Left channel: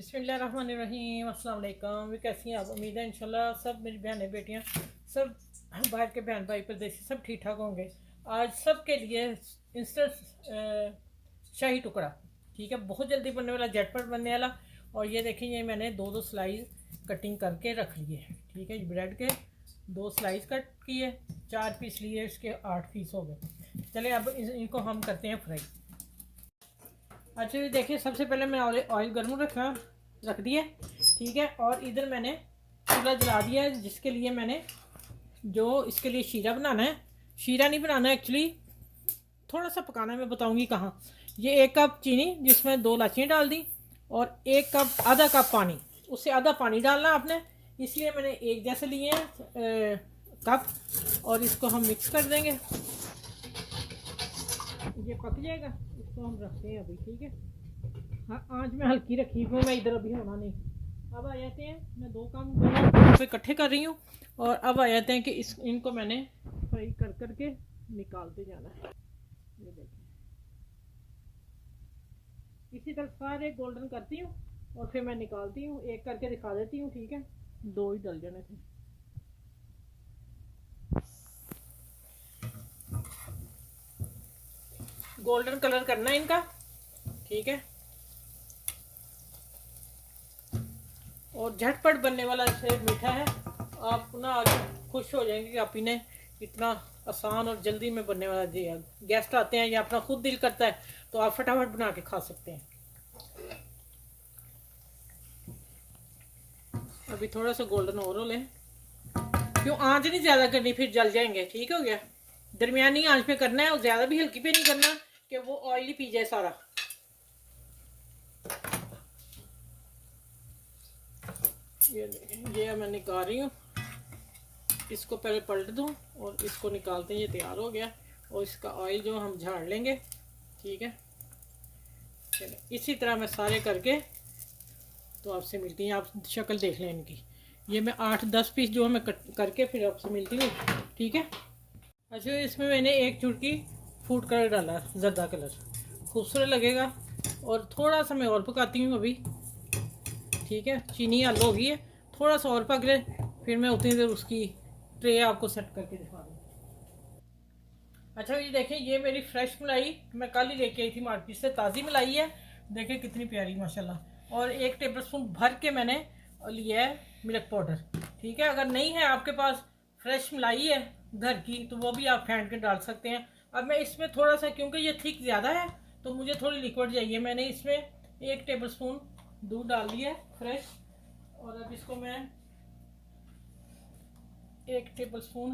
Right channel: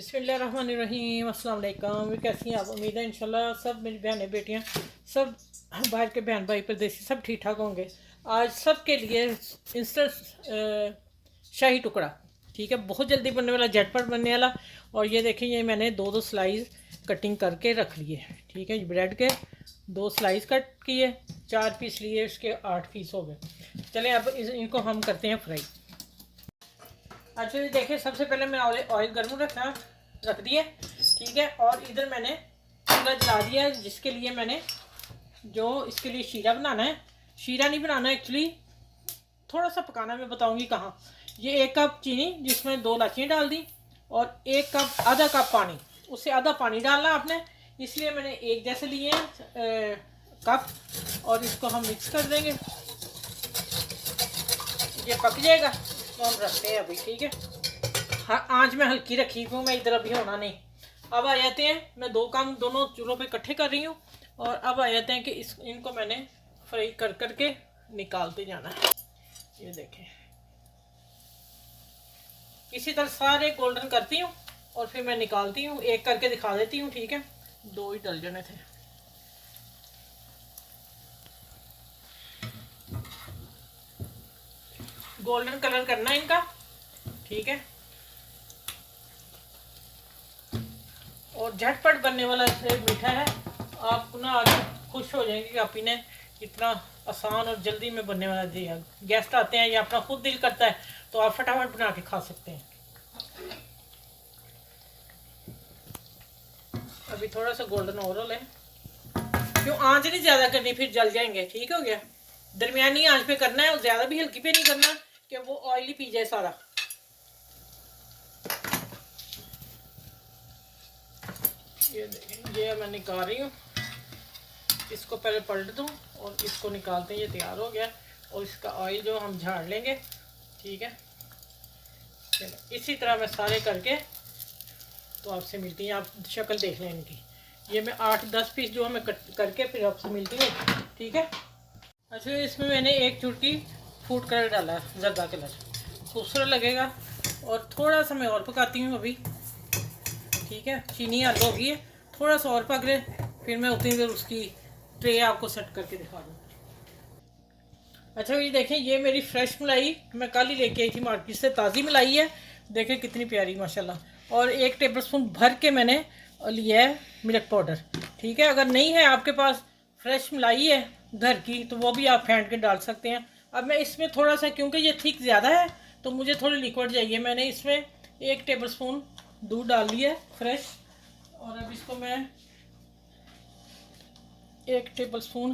बिस्मिल्लाहिर्रहमानिर्रहीम अस्सलाम वालेकुम। कैसी हैं आप? उम्मीद है इंशाल्लाह सब मेरी बहनें बेटियां सब बाहर के बहन भाई परदेसी सब ठीक ठाक होंगे। आज सब के लिए इंस्टेंट शाही टुकड़ा, ठीक है, बहुत जल्दी बनने वाला, झटपट बनने वाला। और ये देखें, ये मैंने दो दो स्लाइस कटिंग करके रख लिए, ठीक है। ब्रेड के दो स्लाइस कट किए, 4 पीस लिए, इसके 8 पीस हो गए। चलें अब इनको हम करते हैं फ्राई। अच्छा ये देखिए, सबसे पहले मैंने ऑयल गर्म रख दिया, ठीक है। और इधर मैंने चूल्हा जला दिया है, जिसके लिए मैंने जो इसके लिए शीरा बनाना है। शीरा नहीं बनाना एक्चुअली, थोड़ा सा पकाना, मैं बताऊंगी कहाँ। ये 1 कप चीनी, जिसमें 2 इलायचियाँ डाल दी, और 1 कप, आधा कप पानी, उससे आधा पानी डालना आपने। इसलिए मैंने एक जैसे लिए हैं कप, और इसको हम मिक्स कर देंगे। ये पक जाएगा, इसको हम रखते हैं अभी, ठीक है। हाँ, आँच में हल्की रखी हूँ मैं, इधर अभी होना नहीं। अब आ जाते हैं, मैं दो काम दोनों पे इकट्ठे कर रही हूँ। और अब आ जाते हैं कि इनको मैंने फ्राई कर करके निकालते जाना है। ये देखें, इसी तरह सारे गोल्डन करती हूँ और फिर मैं निकालती हूँ। एक करके दिखा देती हूँ, ठीक है। 2 ही डल जाने थे। गोल्डन कलर करना है इनका, ठीक है। और झटपट बनने वाला मीठा है। आप ना खुश हो जाएंगे कि आप इन्हें इतना आसान और जल्दी में बनने वाला दिया। गेस्ट आते हैं या अपना खुद दिल करता है तो आप फटाफट बना के खा सकते हैं। अभी थोड़ा सा गोल्डन और हो लें, क्यों आंच नहीं ज़्यादा करनी, फिर जल जाएंगे, ठीक हो गया। दरमियानी आंच पे करना है, और ज़्यादा भी हल्की पे नहीं करना कि वो ऑयली पी जाए सारा। ये देखें, ये मैं निकाल रही हूँ। इसको पहले पलट दूँ और इसको निकालते हैं। ये तैयार हो गया, और इसका ऑयल जो हम झाड़ लेंगे, ठीक है। चलो इसी तरह मैं सारे करके तो आपसे मिलती हैं। आप शक्ल देख लें इनकी। ये मैं 8-10 पीस जो है मैं कट करके फिर आपसे मिलती हूँ, ठीक है। अच्छा, इसमें मैंने 1 चुटकी फूड कलर डाला, जर्दा कलर, खूबसूरत लगेगा। और थोड़ा सा मैं और पकाती हूँ अभी, ठीक है। चीनी हल हो गई है, थोड़ा सा और पक ले, फिर मैं उतनी देर उसकी ट्रे आपको सेट करके दिखा दूँ। अच्छा ये देखें, ये मेरी फ्रेश मलाई मैं कल ही लेके आई थी मार्केट से, ताज़ी मलाई है। देखें कितनी प्यारी माशाल्लाह। और 1 टेबलस्पून भर के मैंने लिया है मिल्क पाउडर, ठीक है। अगर नहीं है आपके पास, फ्रेश मलाई है घर की, तो वो भी आप फेंट के डाल सकते हैं। अब मैं इसमें थोड़ा सा, क्योंकि ये थिक ज़्यादा है तो मुझे थोड़ी लिक्विड चाहिए, मैंने इसमें 1 टेबलस्पून दूध डाल दिया है फ्रेश। और अब इसको मैं 1 टेबलस्पून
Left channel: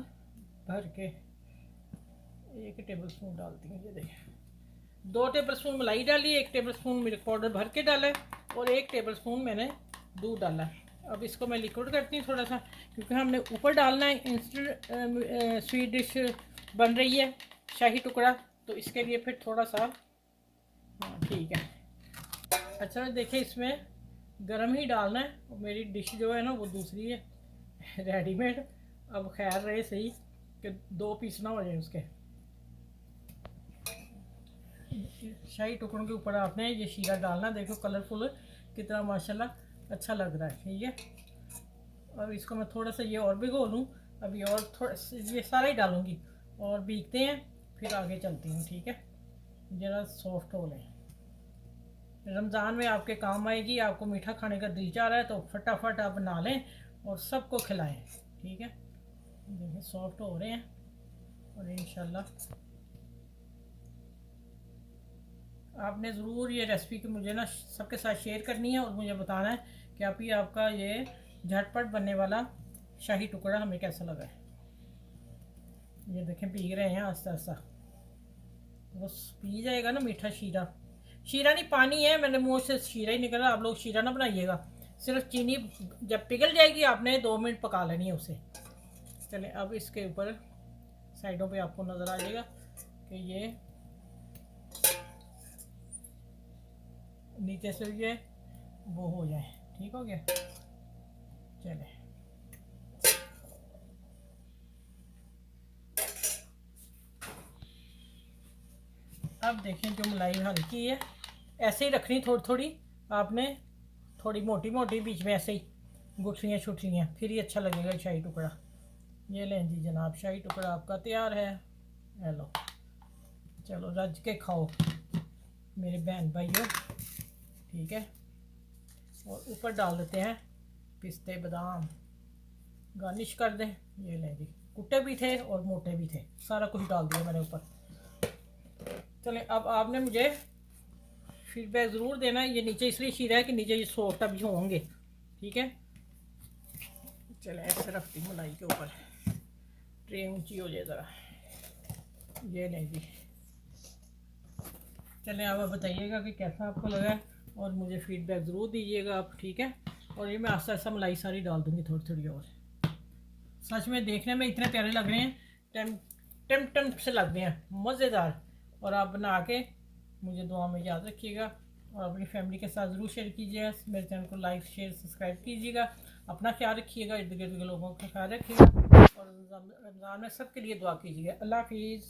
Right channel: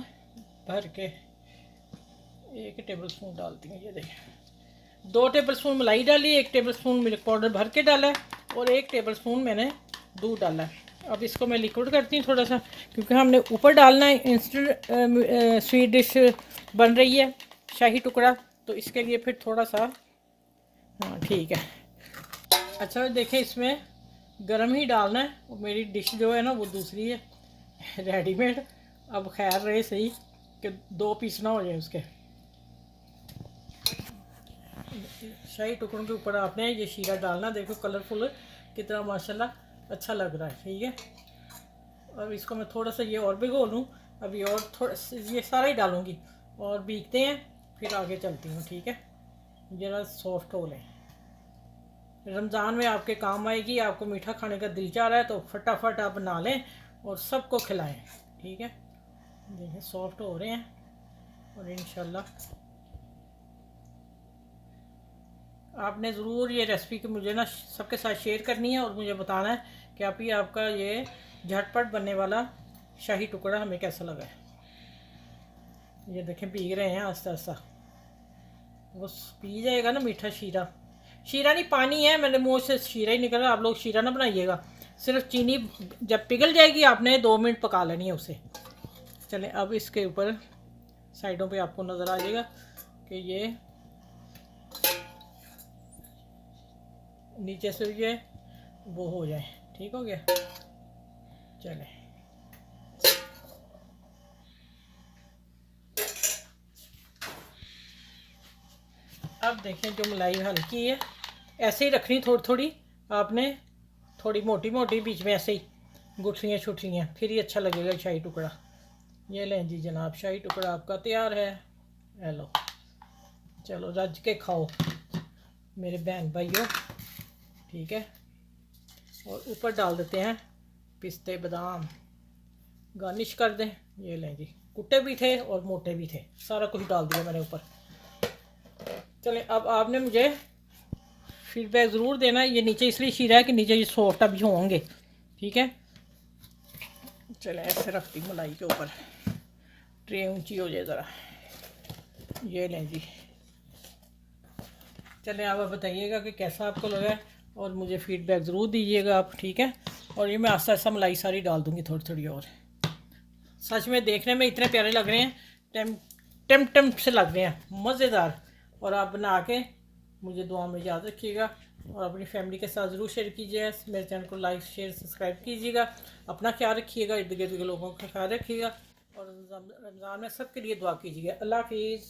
भर के 1 टेबलस्पून डालती हूँ। ये देखिए, 2 टेबलस्पून मलाई डाली, 1 टेबलस्पून मिल्क पाउडर भर के डाला है, और 1 टेबलस्पून मैंने दूध डाला है। अब इसको मैं लिक्विड करती हूँ थोड़ा सा, क्योंकि हमने ऊपर डालना है। इंस्टेंट स्वीट डिश बन रही है, शाही टुकड़ा, तो इसके लिए फिर थोड़ा सा, हाँ ठीक है। अच्छा देखें, इसमें गरम ही डालना है। और मेरी डिश जो है ना वो दूसरी है, रेडीमेड। अब खैर रहे सही कि 2 पीस ना हो जाए उसके। शाही टुकड़ों के ऊपर आपने ये शीरा डालना, देखो कलरफुल कितना माशाल्लाह अच्छा लग रहा है, ठीक है। अब इसको मैं थोड़ा सा ये और भिगो लूँ, अभी और थोड़ा ये सारा ही डालूँगी, और भीगते हैं फिर आगे चलती हूँ, ठीक है। ज़रा सॉफ्ट हो लें, रमज़ान में आपके काम आएगी। आपको मीठा खाने का दिल चाह रहा है तो फटाफट आप बना लें और सबको खिलाएं, ठीक है। देखिए सॉफ्ट हो रहे हैं, और इंशाल्लाह आपने ज़रूर ये रेसिपी की मुझे ना सबके साथ शेयर करनी है, और मुझे बताना है कि आप ही आपका ये झटपट बनने वाला शाही टुकड़ा हमें कैसा लगा है। ये देखें भीग रहे हैं आस्ता आस्ता, वो पी जाएगा ना मीठा शीरा। शीरा नहीं, पानी है, मैंने मुँह से शीरा ही निकला। आप लोग शीरा ना बनाइएगा, सिर्फ चीनी जब पिघल जाएगी आपने 2 मिनट पका लेनी है उसे। चलें अब इसके ऊपर साइडों पे आपको नज़र आ जाएगा कि ये नीचे से ये वो हो जाए, ठीक हो गया। चलें अब देखें, जो मलाई हल्की है ऐसे ही रखनी, थोड़ी थोड़ी आपने थोड़ी मोटी मोटी, बीच में ऐसे ही गुठलियाँ छुटलियाँ, फिर ही अच्छा लगेगा शाही टुकड़ा। ये लें जी जनाब, शाही टुकड़ा आपका तैयार है। हेलो, चलो रज के खाओ मेरे बहन भाइयों, ठीक है। और ऊपर डाल देते हैं पिस्ते बादाम, गार्निश कर दें। ये लें जी, कुट्टे भी थे और मोटे भी थे, सारा कुछ डाल दिया मैंने ऊपर। चलें, अब आपने मुझे फीडबैक ज़रूर देना। ये नीचे इसलिए शीरा है कि नीचे ये सोटा भी होंगे, ठीक है। चलें, ऐसे रखती हूँ मलाई के ऊपर, ट्रे ऊंची हो जाए ज़रा। ये लें जी, चलें आप बताइएगा कि कैसा आपको लगा है, और मुझे फीडबैक ज़रूर दीजिएगा आप, ठीक है। और ये मैं आस्ता आस्ता मलाई सारी डाल दूँगी थोड़ी थोड़ी। और सच में देखने में इतने प्यारे लग रहे हैं, टेम से लग रहे हैं, मज़ेदार। और आप बना के मुझे दुआ में याद रखिएगा, और अपनी फैमिली के साथ ज़रूर शेयर कीजिएगा। मेरे चैनल को लाइक शेयर सब्सक्राइब कीजिएगा। अपना ख्याल रखिएगा, इर्द गिर्द के लोगों का ख्याल रखिएगा, और रमज़ान में सबके लिए दुआ कीजिएगा। अल्लाह हाफिज़।